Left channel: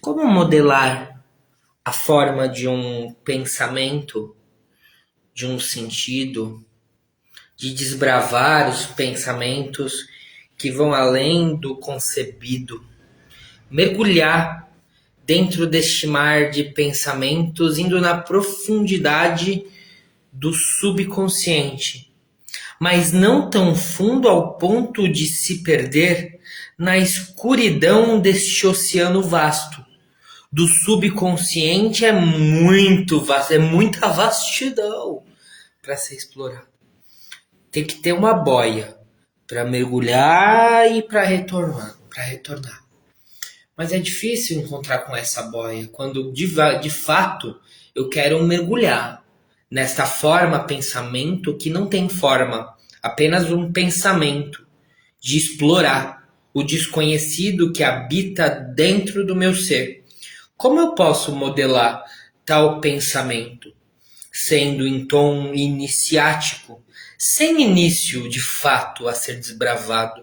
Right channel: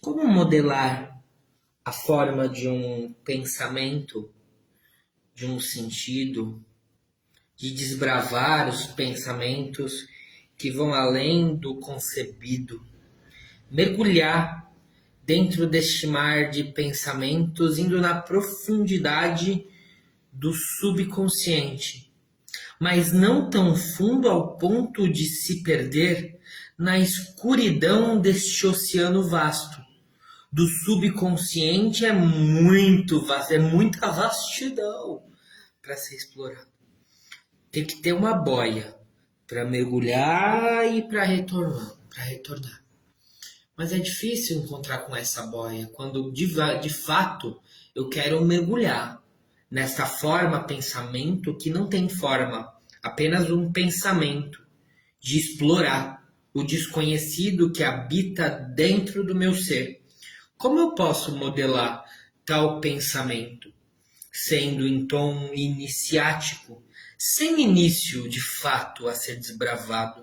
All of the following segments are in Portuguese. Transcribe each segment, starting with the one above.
Como modelar a forma de um pensamento, de um sentido, de desbravar os pensamentos que vão além do concebido, mergulhar dentro deste mar de pensamentos, indo na profundidade do subconsciente, mas não tão fundo ao ponto de se perder na escuridão deste oceano vasto. Do subconsciente é muito vasto, é muita vastidão para ser explorado. Tem que ter uma boia para mergulhar e para retornar. Mas é difícil encontrar com essa boia quando de fato eu quero mergulhar nesta forma pensamento que não tem forma, apenas um pensamento de explorar o desconhecido que habita dentro do meu ser. Como eu posso modelar tal pensamento, sendo em tom iniciático, sem início de fato a ser desbravado?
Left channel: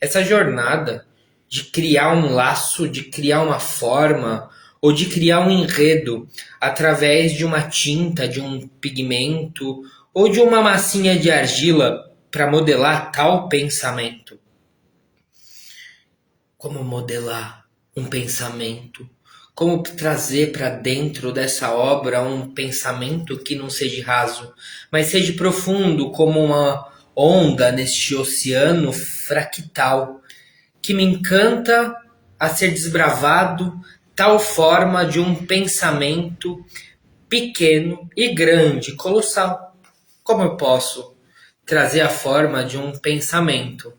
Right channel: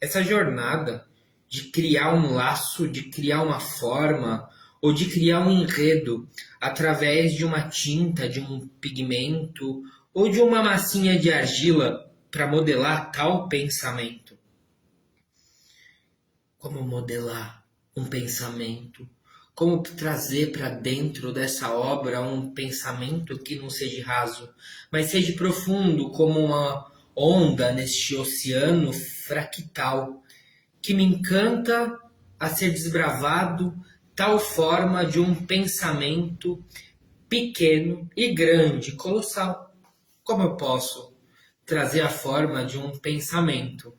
Essa jornada de criar um laço, de criar uma forma, ou de criar um enredo através de uma tinta, de um pigmento, ou de uma massinha de argila para modelar tal pensamento. Como modelar um pensamento? Como trazer para dentro dessa obra um pensamento que não seja raso, mas seja profundo, como uma onda neste oceano fractal, que me encanta a ser desbravado, tal forma de um pensamento pequeno e grande, colossal. Como eu posso trazer a forma de um pensamento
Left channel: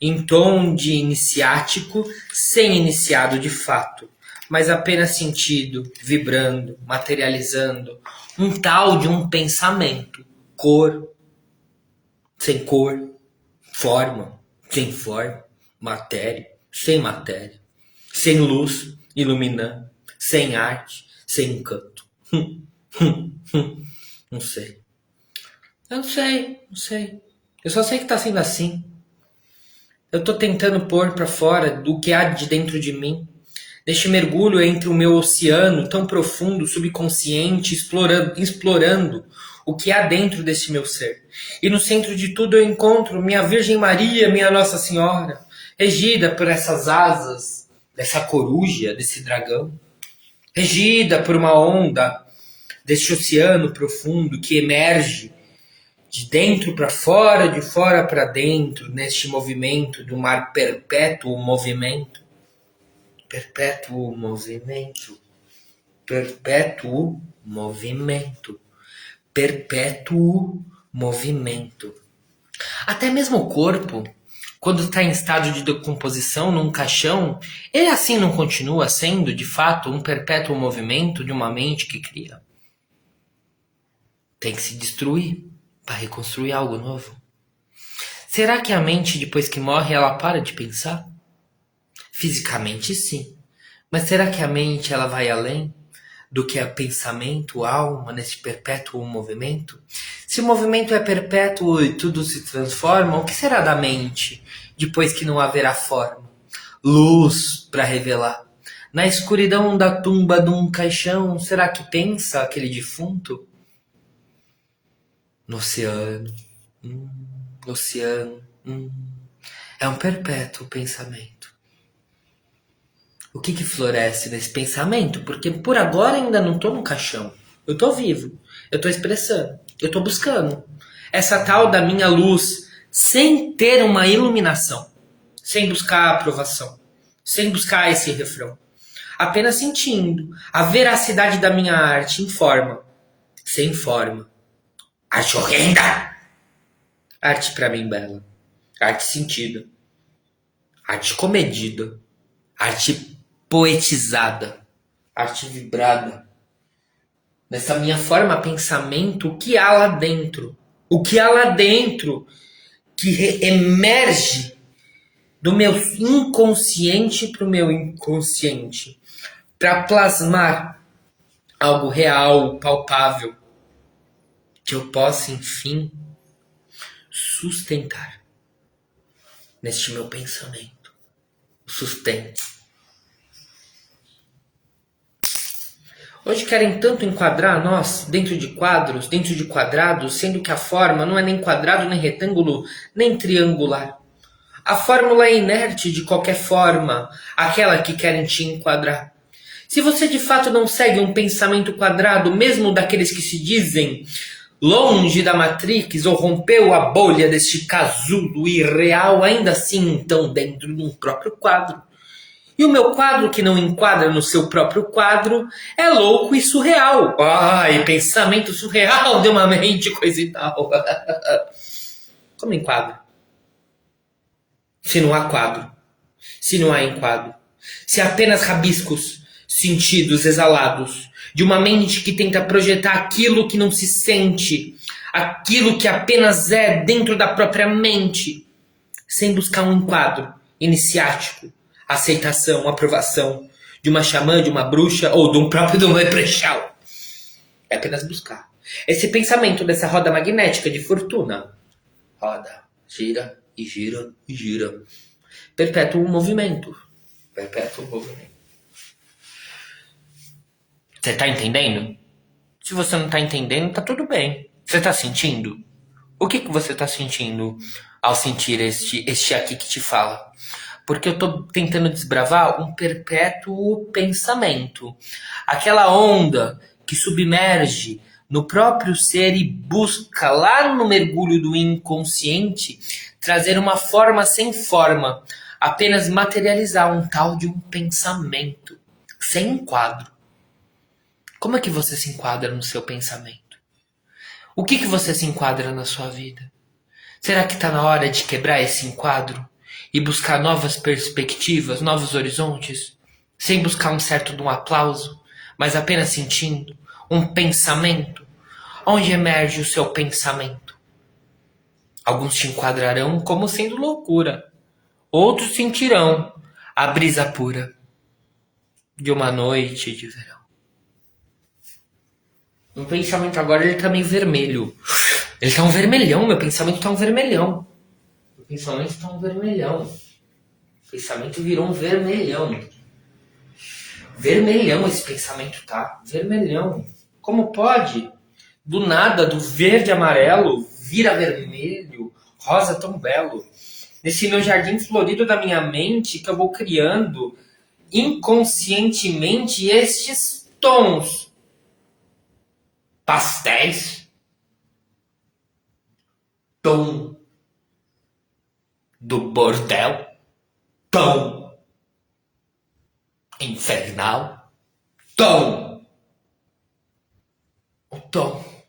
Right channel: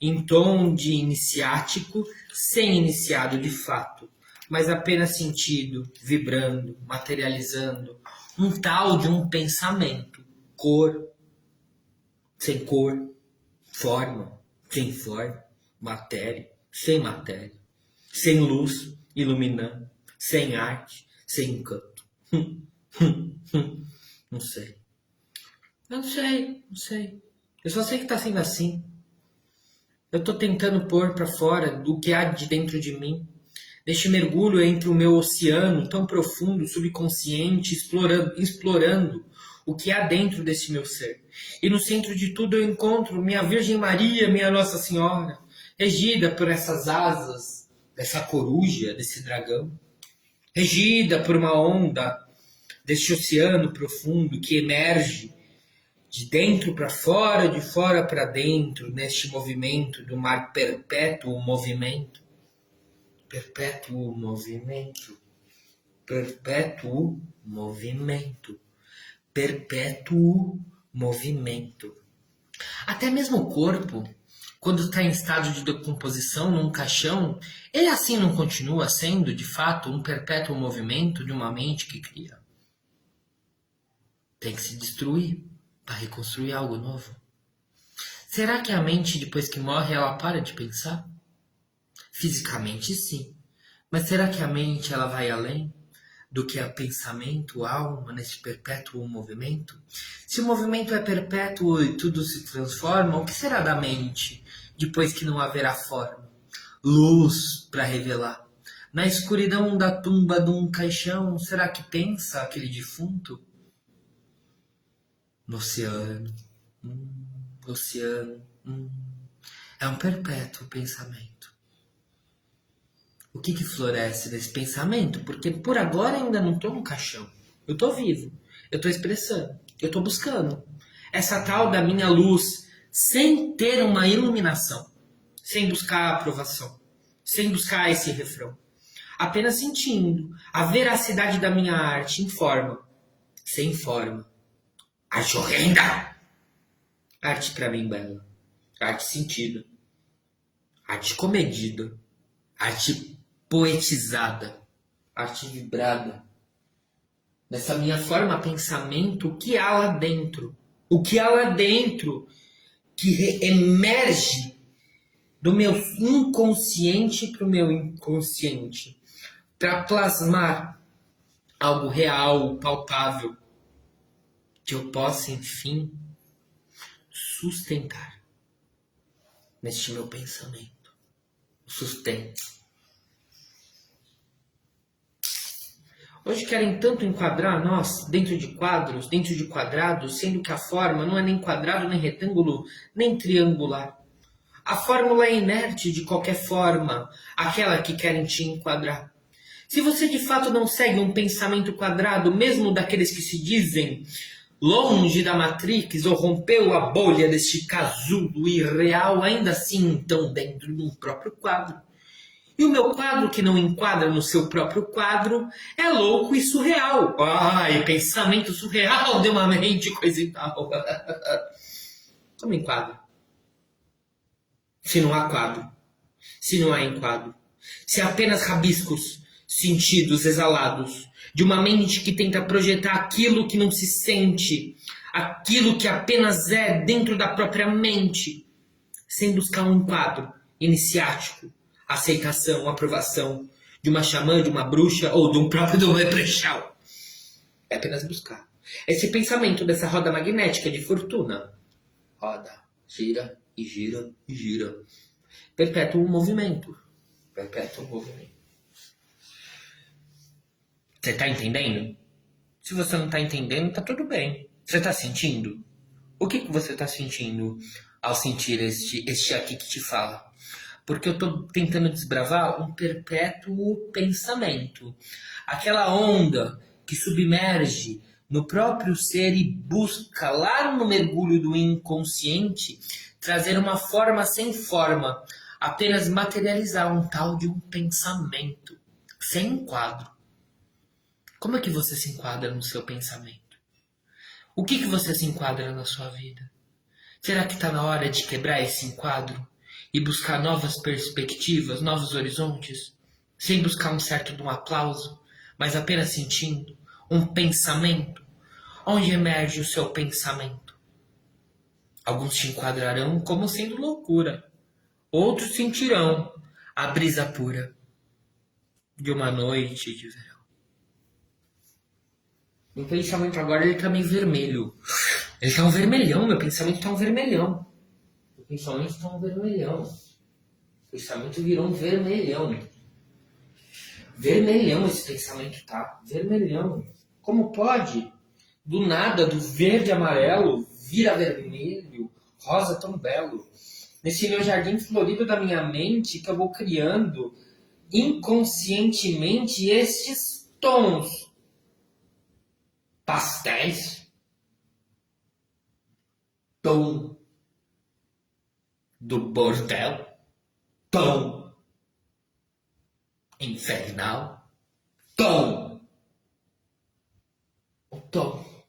em tom de iniciático, sem iniciado de fato, mas apenas sentido, vibrando, materializando, um tal de um pensamento, cor, sem cor, forma, sem forma, matéria, sem matéria, sem luz iluminando, sem arte, sem encanto. Não sei. Eu não sei. Eu só sei que tá sendo assim. Eu tô tentando pôr pra fora do que há de dentro de mim, deste mergulho entre o meu oceano tão profundo, subconsciente, explorando o que há dentro desse meu ser. E no centro de tudo eu encontro minha Virgem Maria, minha Nossa Senhora, regida por essas asas dessa coruja, desse dragão, regida por uma onda deste oceano profundo que emerge de dentro para fora, de fora para dentro, neste movimento do mar perpétuo movimento, perpétuo movimento, perpétuo movimento. Até mesmo o corpo, quando está em estado de decomposição num caixão, ele assim não continua sendo, de fato, um perpétuo movimento de uma mente que cria. Tem que se destruir para reconstruir algo novo. Será que a mente, depois que morre, ela para de pensar? Fisicamente, sim. Mas será que a mente ela vai além do que é pensamento, alma, nesse perpétuo movimento? Se o movimento é perpétuo e tudo se transforma, o que será da mente depois que não haverá forma? Luz para revelar. Na escuridão da tumba de um caixão, será que pensa aquele defunto? No oceano. No oceano. É um perpétuo pensamento. O que que floresce nesse pensamento? Porque por agora ainda não tô no caixão. Eu tô vivo. Eu tô expressando. Eu tô buscando. Essa tal da minha luz sem ter uma iluminação. Sem buscar aprovação. Sem buscar esse refrão. Apenas sentindo a veracidade da minha arte em forma. Sem forma. Arte horrenda! Arte pra mim bela. Arte sentida. Arte comedida. Arte poetizada. Arte vibrada. Dessa minha forma pensamento, o que há lá dentro? O que há lá dentro que emerge do meu inconsciente para o meu inconsciente, para plasmar algo real, palpável, que eu possa, enfim, sustentar neste meu pensamento. Sustento. Hoje querem tanto enquadrar nós dentro de quadros, dentro de quadrados, sendo que a forma não é nem quadrado, nem retângulo, nem triangular. A fórmula é inerte de qualquer forma, aquela que querem te enquadrar. Se você de fato não segue um pensamento quadrado, mesmo daqueles que se dizem longe da Matrix ou rompeu a bolha deste casulo irreal, ainda assim estão dentro de um próprio quadro. E o meu quadro que não enquadra no seu próprio quadro é louco e surreal. Ai, pensamento surreal de uma mente, coisa e tal. Como enquadra? Se não há quadro, se não há enquadro, se há apenas rabiscos, sentidos exalados de uma mente que tenta projetar aquilo que não se sente, aquilo que apenas é dentro da própria mente, sem buscar um enquadro iniciático, aceitação, aprovação de uma xamã, de uma bruxa ou de um próprio de um leprechaun. É apenas buscar. Esse pensamento dessa roda magnética de fortuna. Roda, gira e gira e gira. Perpétua o movimento. Perpétua o movimento. Você tá entendendo? Se você não tá entendendo, tá tudo bem. Você tá sentindo? O que você tá sentindo ao sentir este aqui que te fala? Porque eu tô tentando desbravar um perpétuo pensamento. Aquela onda que submerge no próprio ser e busca lá no mergulho do inconsciente trazer uma forma sem forma, apenas materializar um tal de um pensamento, sem um quadro. Como é que você se enquadra no seu pensamento? O que você se enquadra na sua vida? Será que está na hora de quebrar esse enquadro e buscar novas perspectivas, novos horizontes, sem buscar um certo de um aplauso, mas apenas sentindo um pensamento? Onde emerge o seu pensamento? Alguns te enquadrarão como sendo loucura, outros sentirão a brisa pura de uma noite de verão. Meu pensamento agora ele tá meio vermelho. Ele tá um vermelhão, meu pensamento tá um vermelhão. Meu pensamento tá um vermelhão. O pensamento virou um vermelhão. Vermelhão esse pensamento tá. Vermelhão. Como pode? Do nada, do verde amarelo, vira vermelho, rosa tão belo. Nesse meu jardim florido da minha mente que eu vou criando inconscientemente estes tons pastéis, tom do bordel, tom infernal, tom, o tom,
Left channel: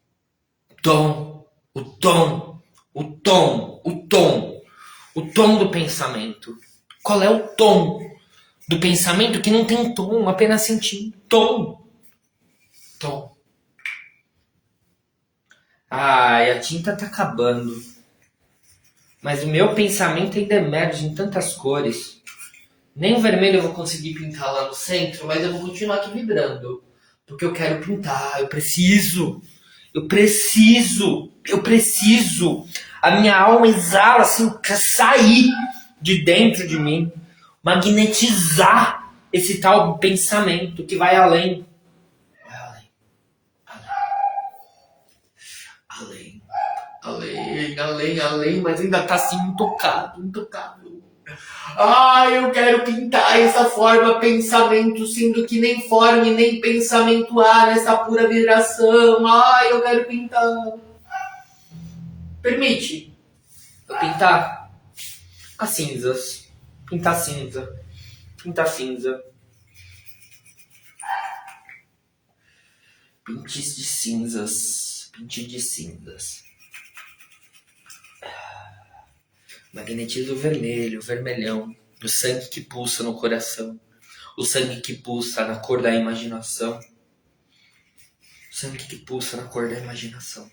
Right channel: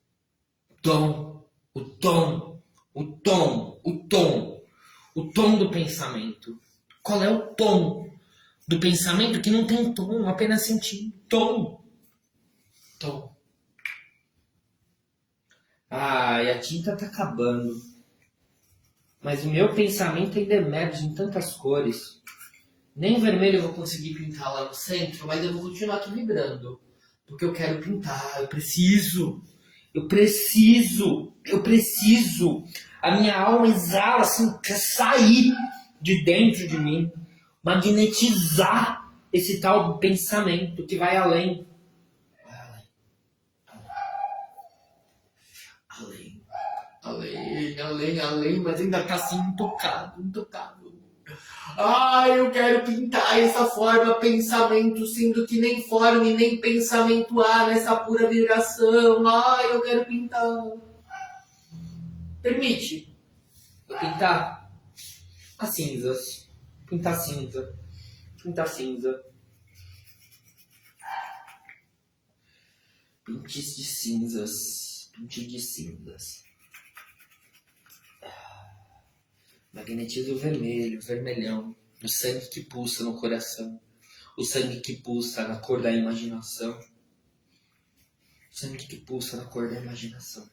tom, o tom, o tom, o tom, o tom do pensamento. Qual é o tom do pensamento que não tem tom, apenas sentindo tom, tom. Ai, a tinta tá acabando. Mas o meu pensamento ainda emerge em tantas cores. Nem o vermelho eu vou conseguir pintar lá no centro, mas eu vou continuar aqui vibrando. Porque eu quero pintar, eu preciso. Eu preciso. Eu preciso. A minha alma exala assim, quer sair de dentro de mim. Magnetizar esse tal pensamento que vai além. Vai além. Além, além, além, além, mas ainda tá assim intocado, intocável. Ai, eu quero pintar essa forma pensamento, sendo que nem forma e nem pensamento há nessa pura vibração. Ai, eu quero pintar. Permite eu pintar as cinzas. Pintar cinza. Pintar cinza. Pintes de cinzas. Pinte de cinzas. Magnetiza o vermelho, o vermelhão. O sangue que pulsa no coração. O sangue que pulsa na cor da imaginação. O sangue que pulsa na cor da imaginação.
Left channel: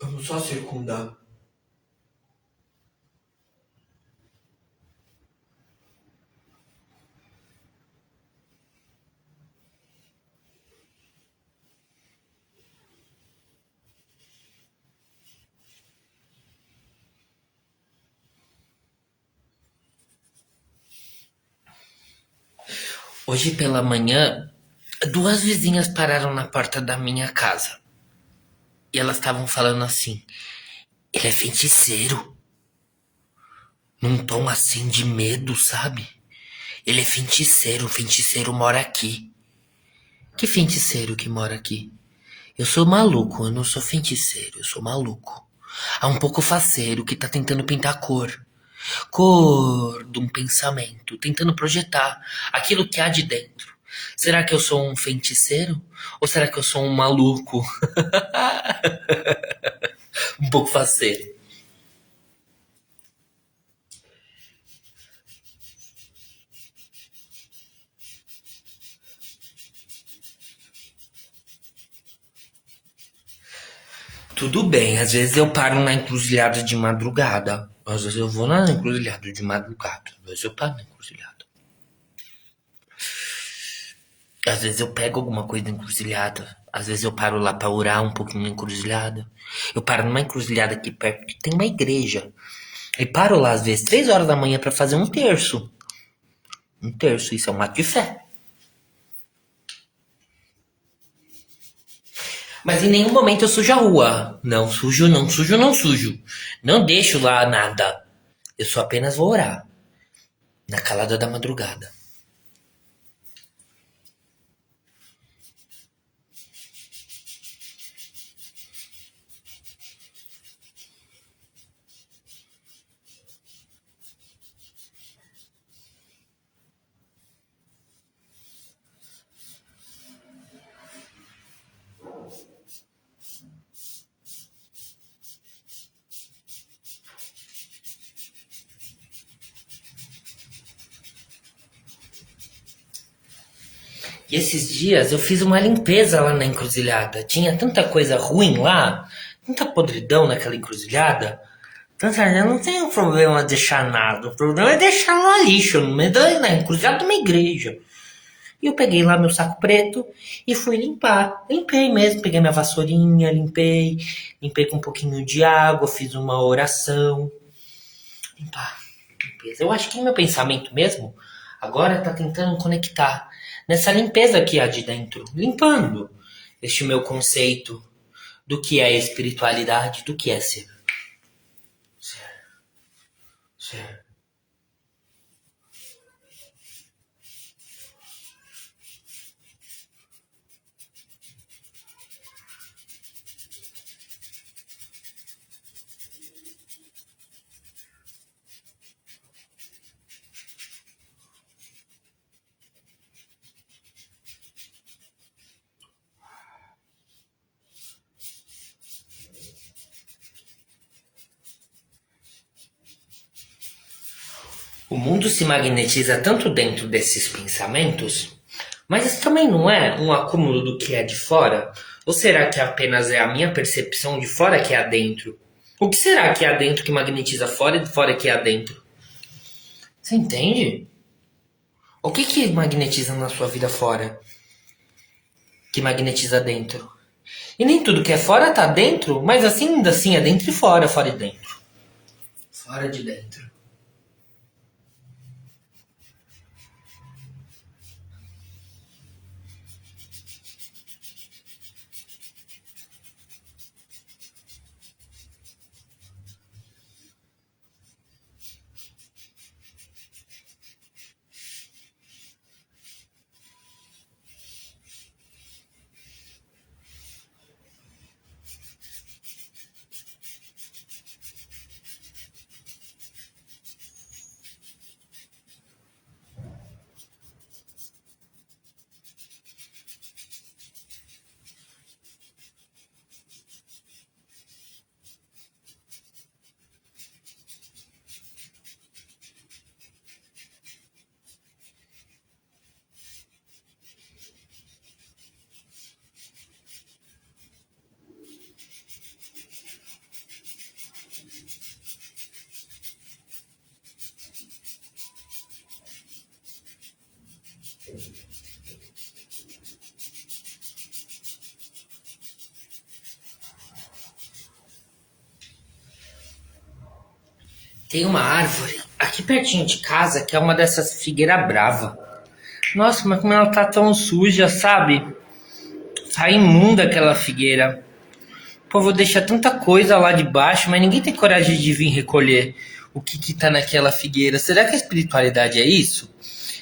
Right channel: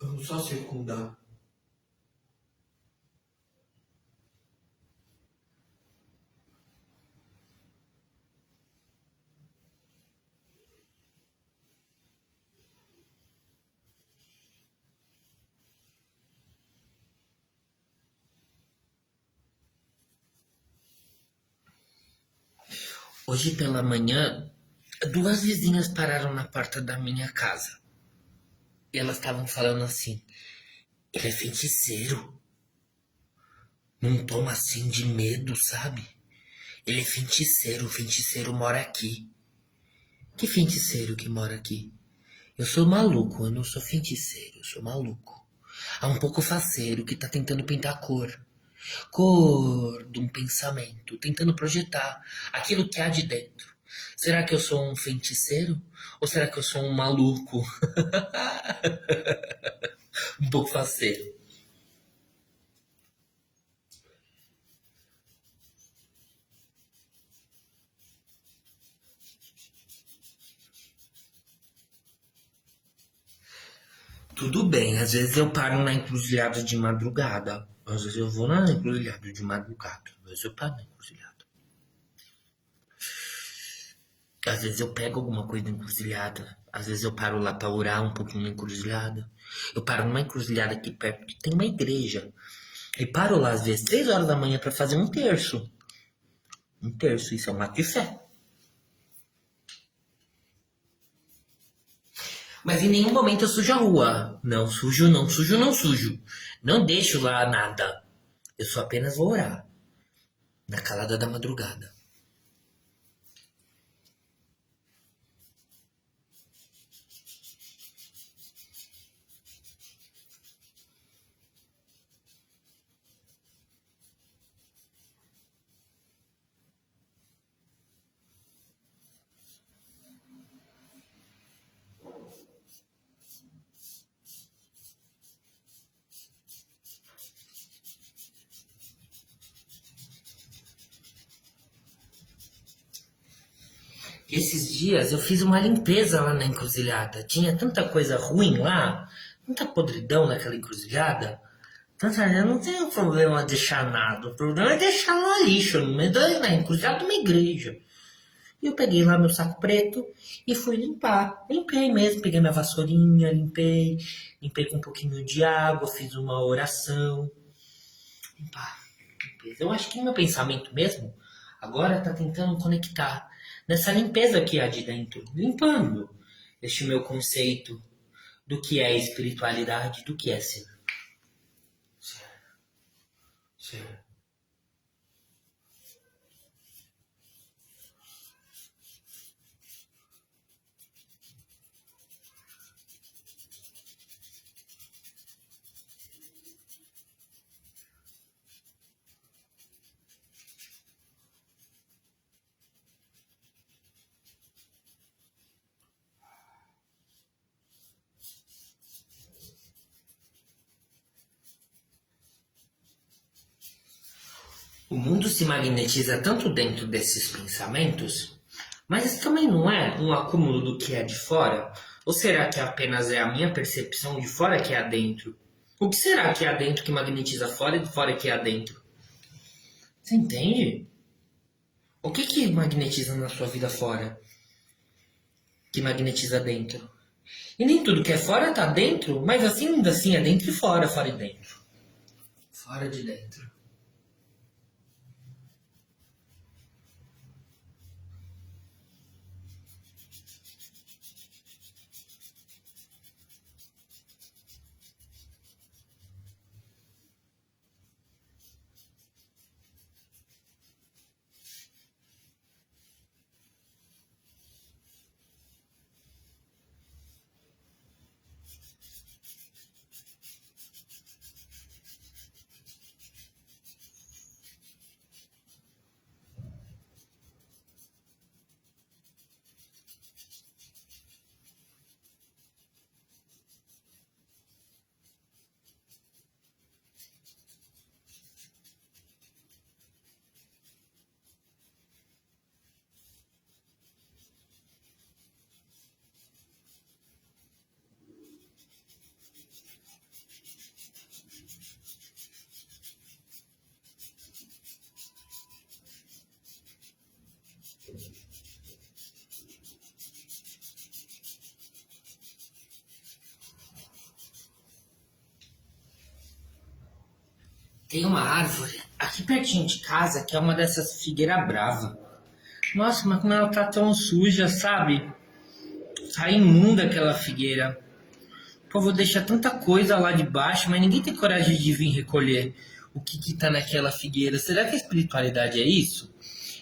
Vamos só circundar. Hoje pela manhã, duas vizinhas pararam na porta da minha casa. E elas estavam falando assim: ele é feiticeiro. Num tom assim de medo, sabe? Ele é feiticeiro, o feiticeiro mora aqui. Que feiticeiro que mora aqui? Eu sou maluco, eu não sou feiticeiro, eu sou maluco. Há um pouco faceiro que tá tentando pintar cor. Cor de um pensamento, tentando projetar aquilo que há de dentro. Será que eu sou um feiticeiro? Ou será que eu sou um maluco? Um pouco faceiro. Tudo bem, às vezes eu paro na encruzilhada de madrugada. Às vezes eu vou na encruzilhada de madrugada. Às vezes eu paro na encruzilhada. Às vezes eu pego alguma coisa na encruzilhada. Às vezes eu paro lá pra orar um pouquinho na encruzilhada. Eu paro numa encruzilhada aqui perto que tem uma igreja. E paro lá às vezes 3 horas da manhã pra fazer um terço. Um terço, isso é um ato de fé. Mas em nenhum momento eu sujo a rua. Não sujo, não sujo, não sujo. Não deixo lá nada. Eu só apenas vou orar. Na calada da madrugada. E esses dias eu fiz uma limpeza lá na encruzilhada. Tinha tanta coisa ruim lá, tanta podridão naquela encruzilhada. Tanta, eu não tenho problema de deixar nada. O problema é deixar no lixo, no meio na encruzilhada de uma igreja. E eu peguei lá meu saco preto e fui limpar. Limpei mesmo, peguei minha vassourinha, limpei. Limpei com um pouquinho de água, fiz uma oração. Limpar, limpeza. Eu acho que meu pensamento mesmo agora tá tentando conectar nessa limpeza que há de dentro, limpando este meu conceito do que é espiritualidade, do que é ser. Ser, ser. O mundo se magnetiza tanto dentro desses pensamentos, mas isso também não é um acúmulo do que é de fora? Ou será que apenas é a minha percepção de fora que é dentro? O que será que é dentro que magnetiza fora e de fora que é dentro? Você entende? O que que magnetiza na sua vida fora que magnetiza dentro? E nem tudo que é fora tá dentro, mas assim ainda assim é dentro e fora, fora e dentro. Fora de dentro. Tem uma árvore aqui pertinho de casa que é uma dessas figueira brava. Nossa, mas como ela tá tão suja, sabe? Tá imunda aquela figueira. Pô, vou deixar tanta coisa lá de baixo, mas ninguém tem coragem de vir recolher o que tá naquela figueira. Será que a espiritualidade é isso?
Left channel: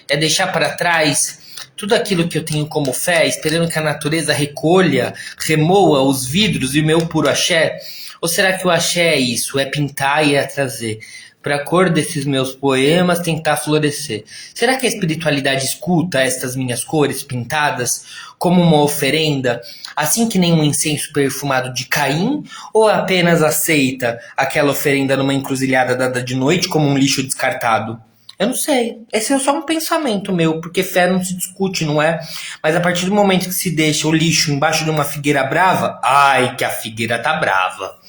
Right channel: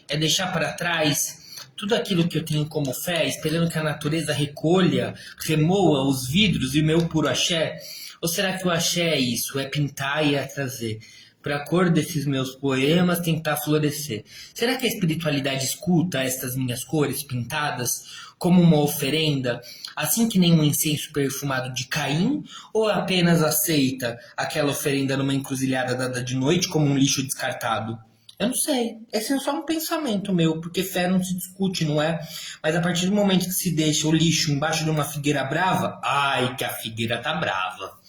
É deixar para trás tudo aquilo que eu tenho como fé, esperando que a natureza recolha, remoa os vidros e o meu puro axé? Ou será que o axé é isso? É pintar e é trazer para a cor desses meus poemas tentar florescer? Será que a espiritualidade escuta estas minhas cores pintadas como uma oferenda, assim que nem um incenso perfumado de Caim, ou apenas aceita aquela oferenda numa encruzilhada dada de noite como um lixo descartado? Eu não sei. Esse é só um pensamento meu, porque fé não se discute, não é? Mas a partir do momento que se deixa o lixo embaixo de uma figueira brava, ai que a figueira tá brava.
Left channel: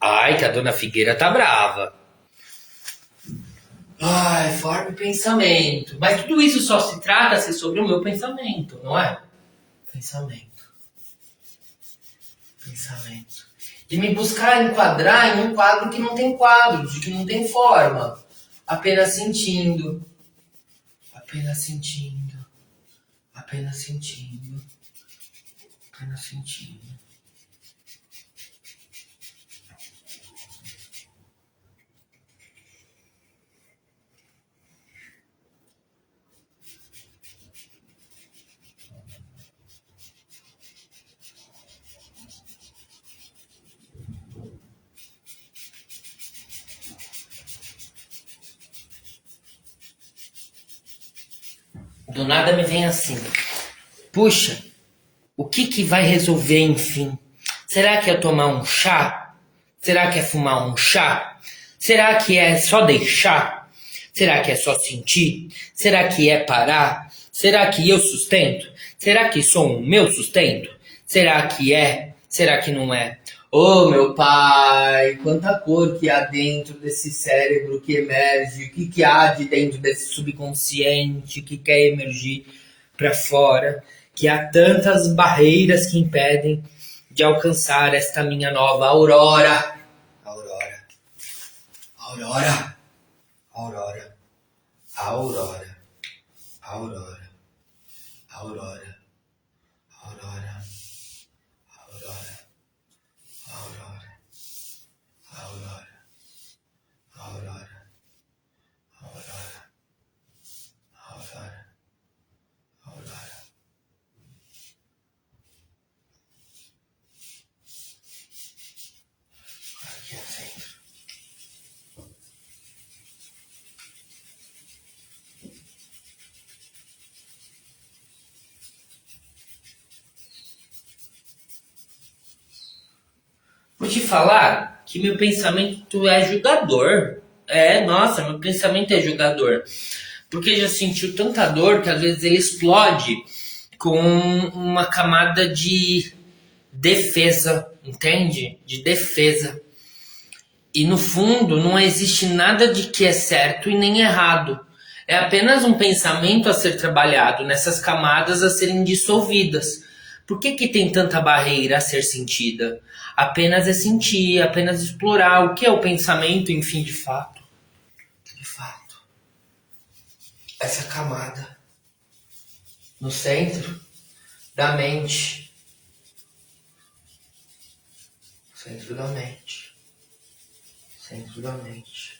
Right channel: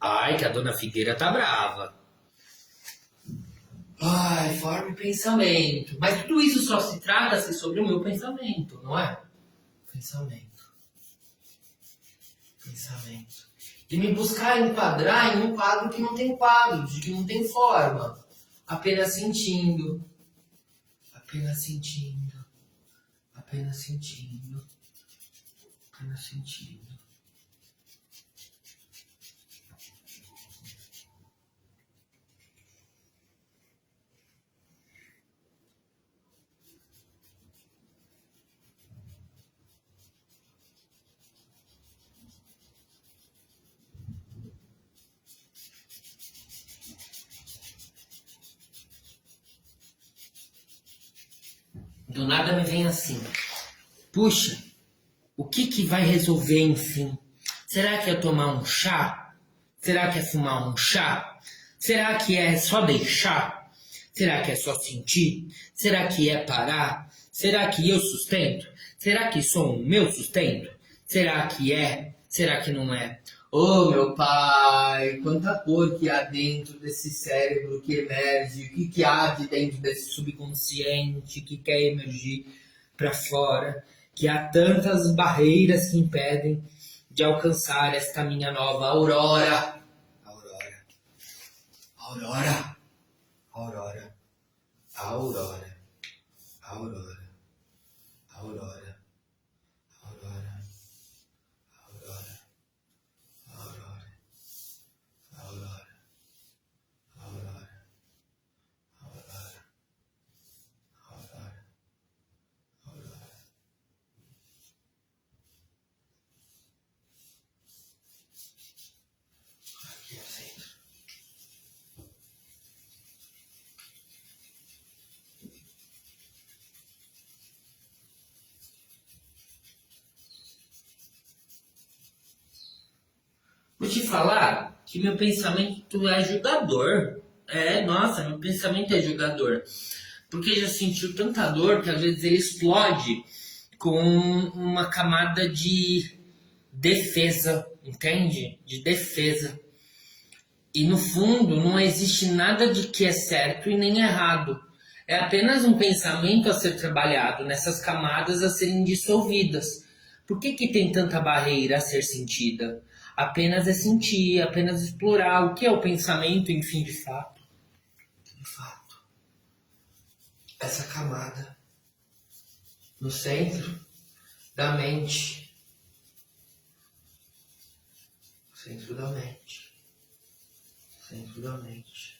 Ai que a dona Figueira tá brava. Ai, forma o pensamento. Mas tudo isso só se trata-se sobre o meu pensamento, não é? Pensamento. Pensamento. De me buscar enquadrar em um quadro que não tem quadro, de que não tem forma. Apenas sentindo. Apenas sentindo. Apenas sentindo. Apenas sentindo. Do nada me vem assim. Puxa, o que que vai resolver enfim? Será que é tomar um chá? Será que é fumar um chá? Será que é só deixar? Será que é só sentir? Será que é parar? Será que eu sustento? Será que sou o meu sustento? Será que é? Será que não é? Oh, meu pai, quanta cor que há dentro desse cérebro que emerge, o que que há de dentro desse subconsciente que quer emergir para fora, que há tantas barreiras que impedem de alcançar esta minha nova aurora. Aurora, aurora, aurora, aurora, aurora, aurora, aurora, aurora, aurora, aurora, aurora, aurora, aurora, aurora. Aqui assim. Vou te falar que meu pensamento é julgador. É, nossa, meu pensamento é julgador. Porque já sentiu tanta dor que às vezes ele explode com uma camada de defesa, entende? De defesa. E no fundo não existe nada de que é certo e nem errado. É apenas um pensamento a ser trabalhado nessas camadas a serem dissolvidas. Por que que tem tanta barreira a ser sentida? Apenas é sentir, apenas explorar o que é o pensamento, enfim, de fato. De fato. Essa camada no centro da mente. Centro da mente. Centro da mente.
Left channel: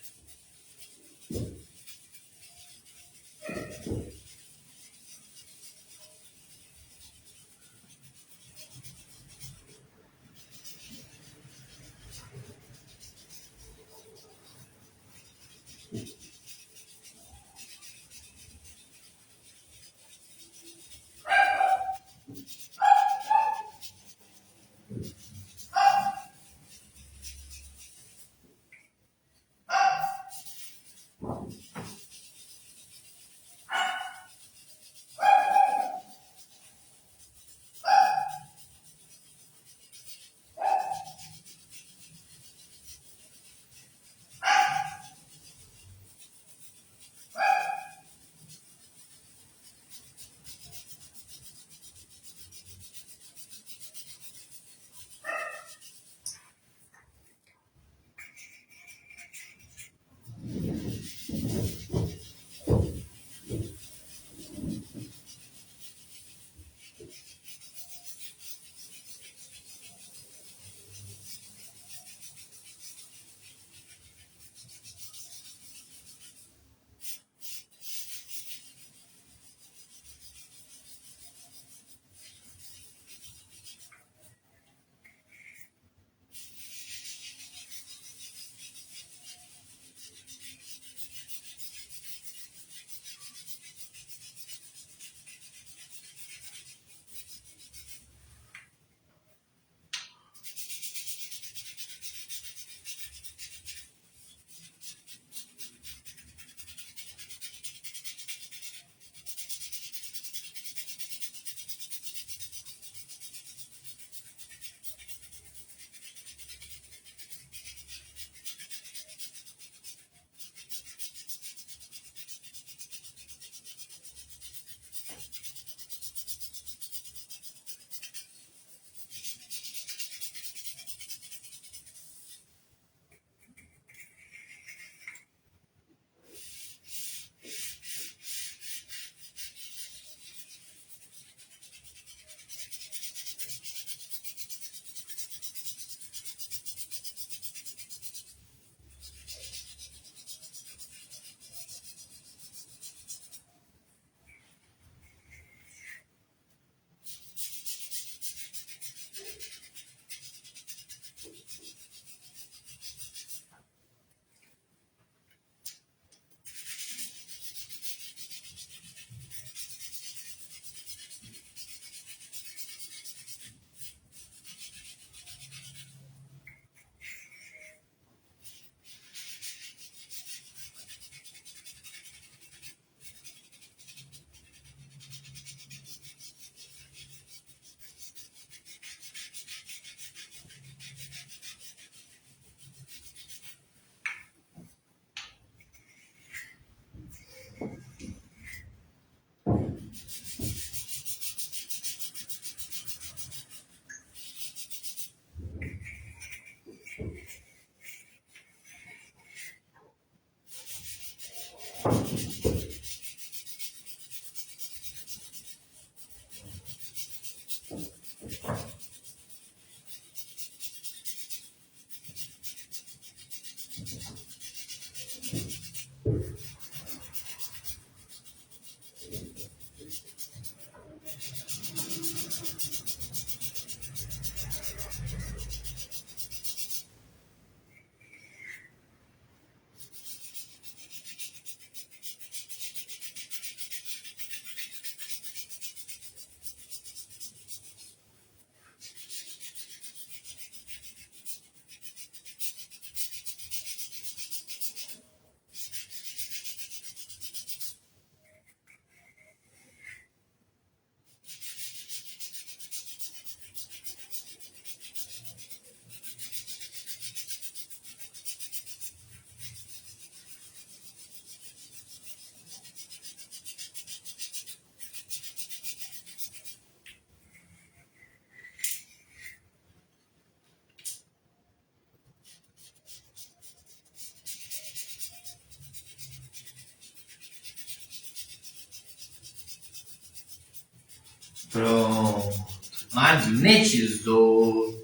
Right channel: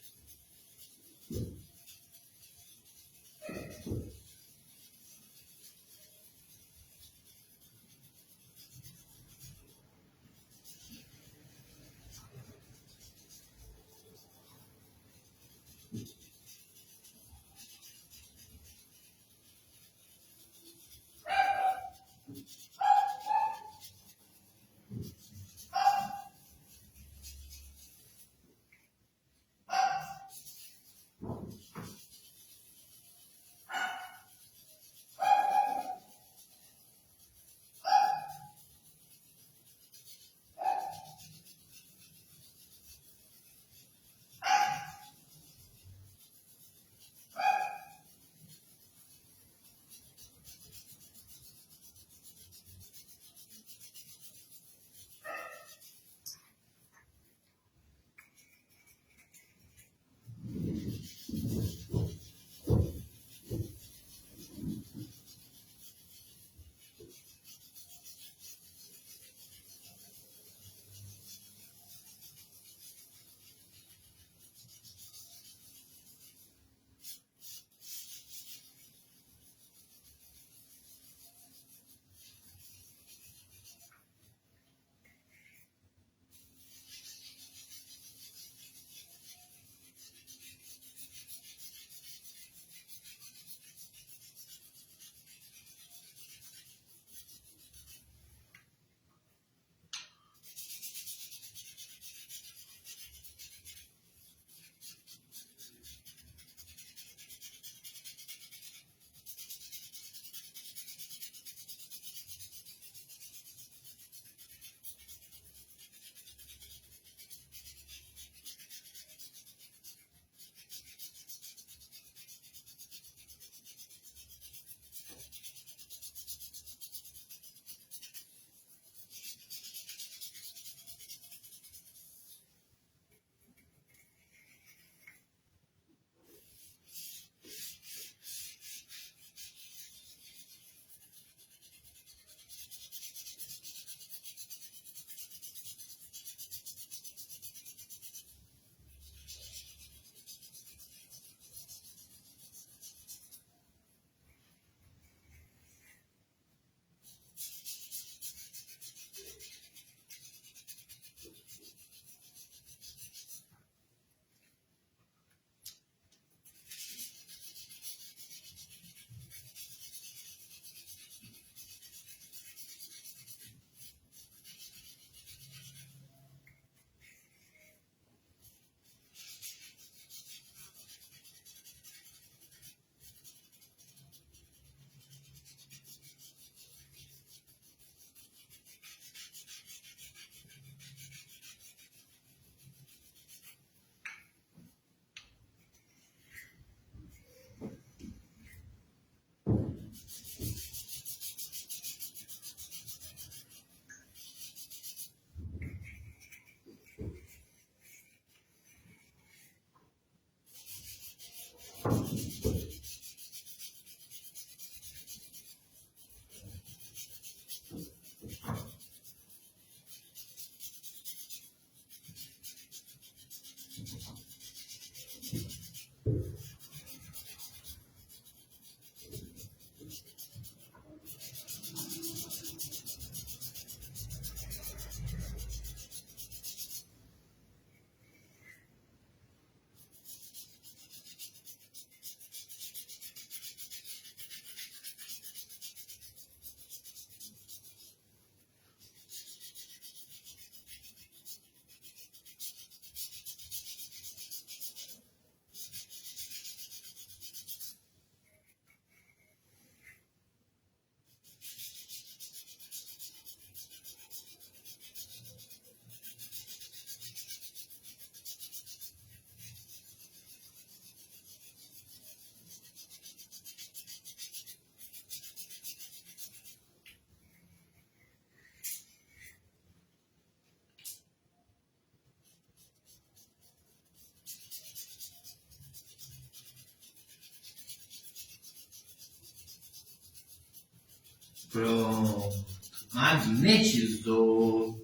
Magnetizou.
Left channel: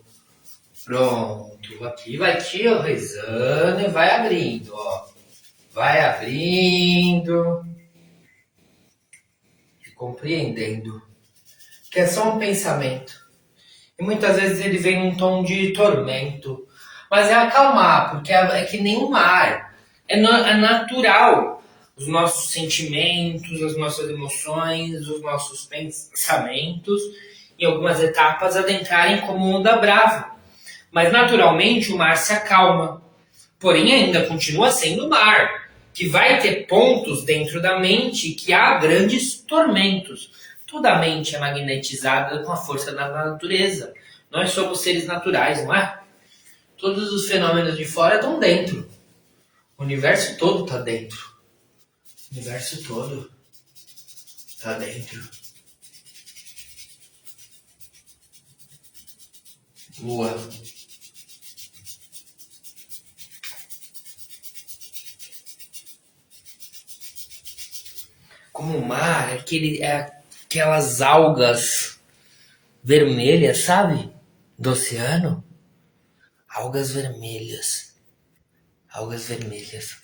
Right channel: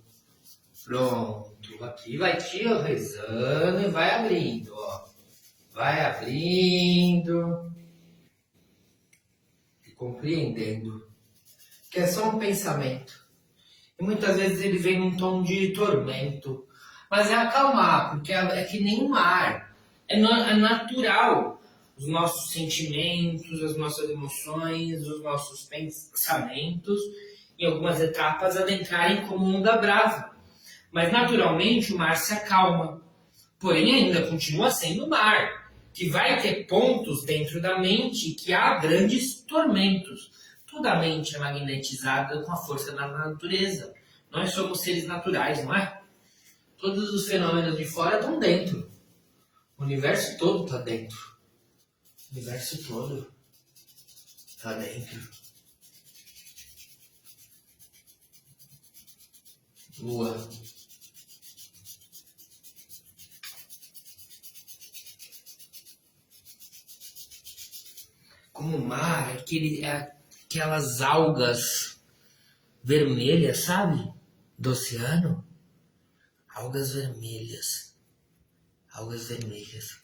Pronto. Aqui vai tiorizando e vai abrindo, ó. Vai abrindo e compreendendo que é só um pensamento. E muitas vezes ele vem num tom de tormento. Mas é acalmar, porque é que nem o mar. É natural os nossos sentimentos, as nossas emoções, os nossos pensamentos, em algumas etapas, adentrarem como onda brava. Mas naturalmente o mar se acalma. Porém, ainda continua sendo mar, que vai ter pontos dentro da mente que há grandes tormentos. Toda a mente é magnetizada com a força da natureza. Nós somos seres naturais, não é? Todos os fenômenos de fora estão dentro. O universo todo está dentro. O universo todo está dentro. Lua. Como o mar, aquelas algas vermelhas, sabe? Do oceano. Algas vermelhas. Algas vermelhas.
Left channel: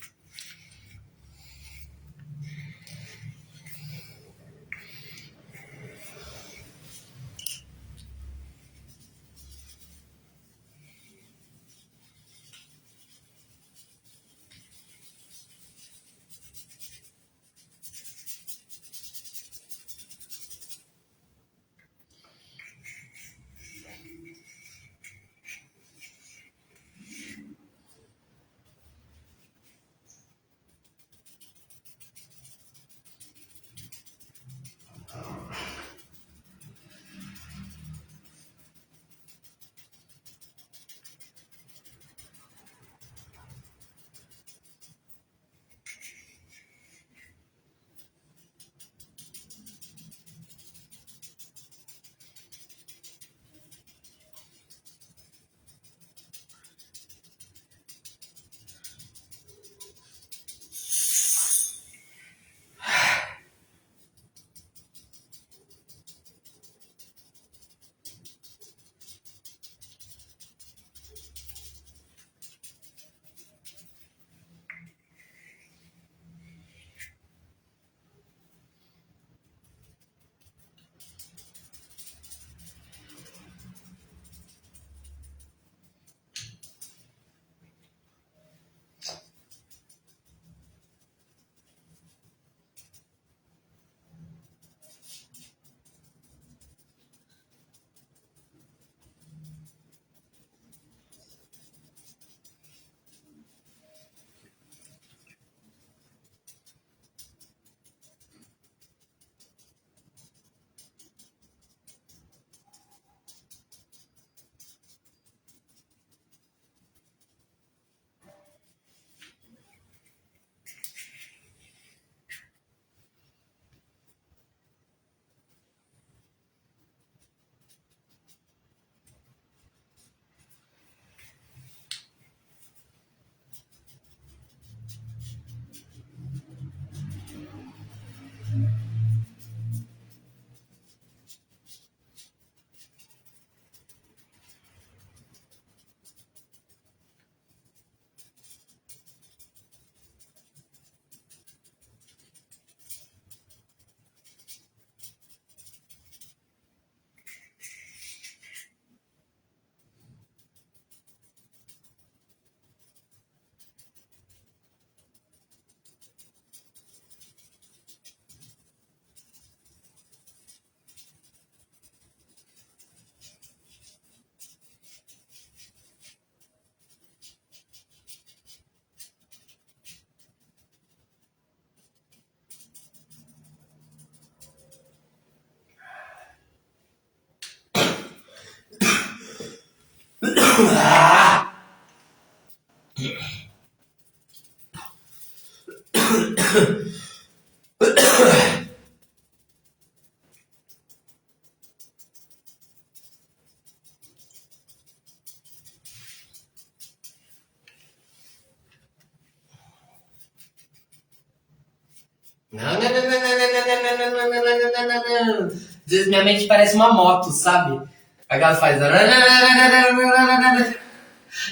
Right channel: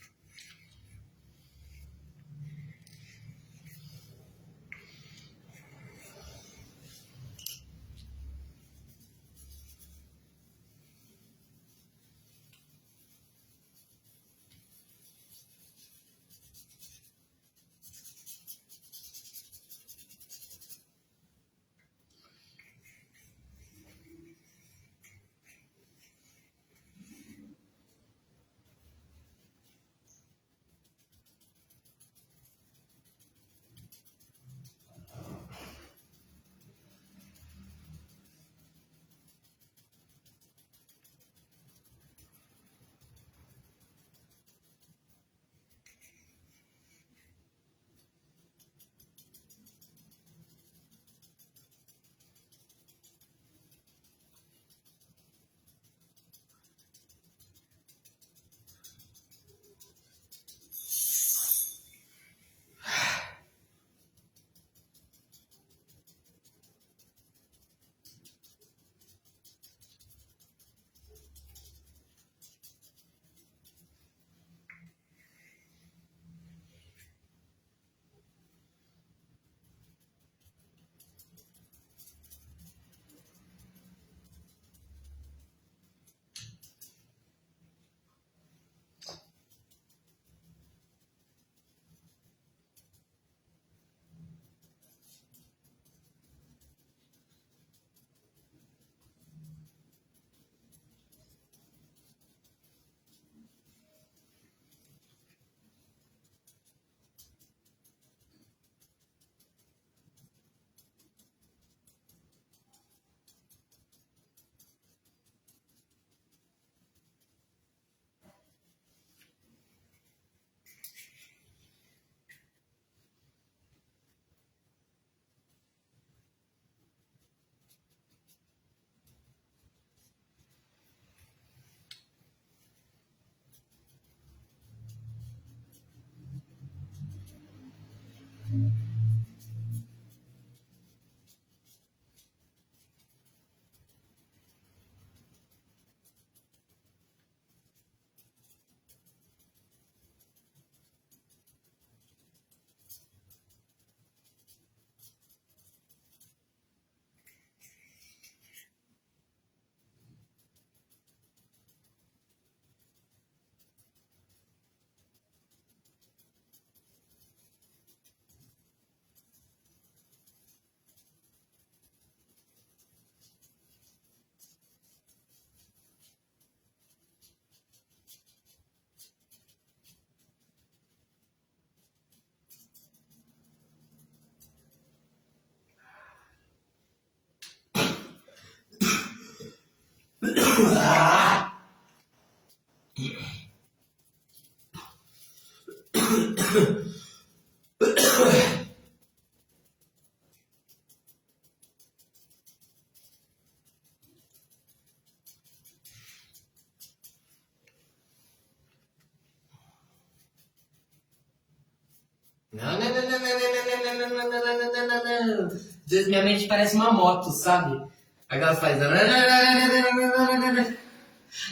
Não, não, não, não, não, não, não, não, não, não, não, não, não, não. Às vezes minha mente parece uma moto, sabe? Aí ela faz.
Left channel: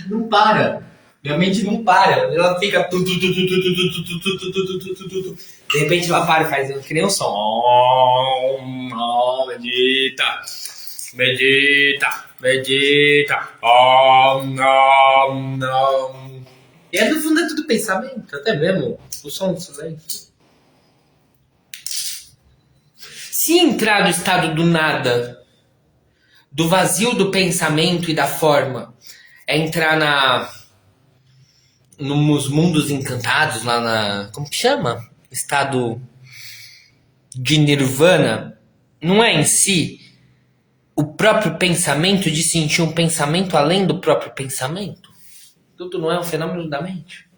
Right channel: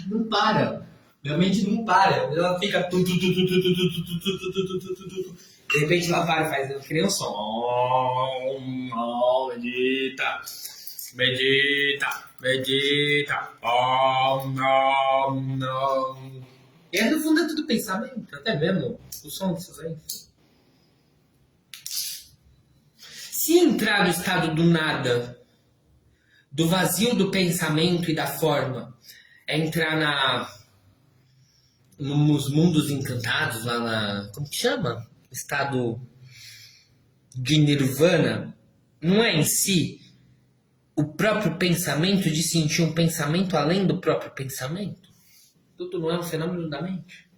Não para. Minha mente não para. Ela fica. De repente ela para e faz que nem um som. Medita. Medita. Medita. E aí no fundo é tudo pensamento. Até mesmo o som do silêncio. Se entrar no estado do nada, do vazio do pensamento e da forma, é entrar nos mundos encantados, lá na. Como que chama? Estado de nirvana. Não é em si o próprio pensamento, de sentir um pensamento além do próprio pensamento? Tudo não é um fenômeno da mente?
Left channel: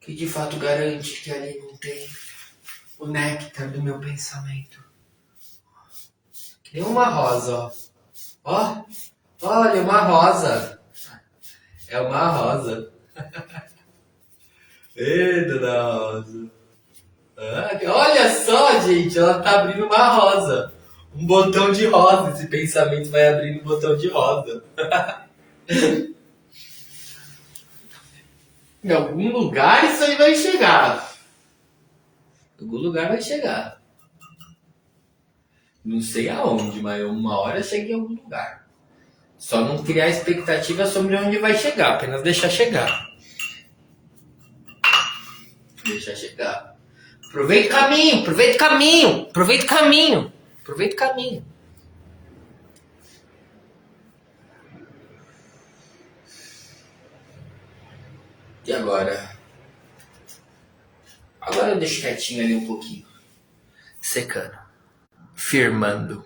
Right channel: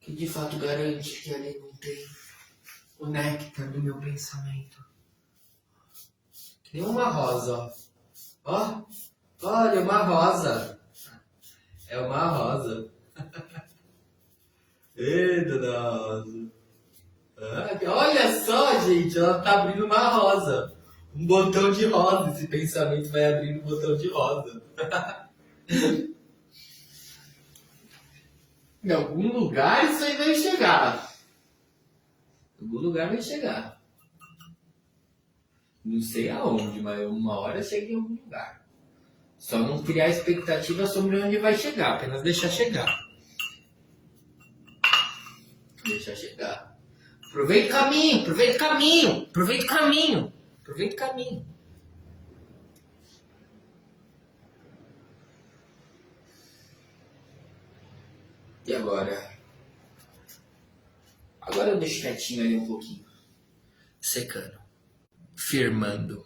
Que de fato garante que ali não tem o néctar do meu pensamento. Que nem uma rosa, ó. Olha, uma rosa. É uma rosa. Eita, da rosa. Olha só, gente, ela tá abrindo uma rosa. Um botão de rosa. Esse pensamento vai abrindo um botão de rosa. Em algum lugar isso aí vai chegar. Em algum lugar vai chegar. Não sei aonde, mas uma hora chega em algum lugar. Só não criar expectativa sobre onde vai chegar, apenas deixar chegar. Deixa chegar. Aproveita o caminho, aproveita o caminho, aproveita o caminho, aproveita o caminho. E agora? Agora eu deixo quietinho ali um pouquinho. Secando. Firmando.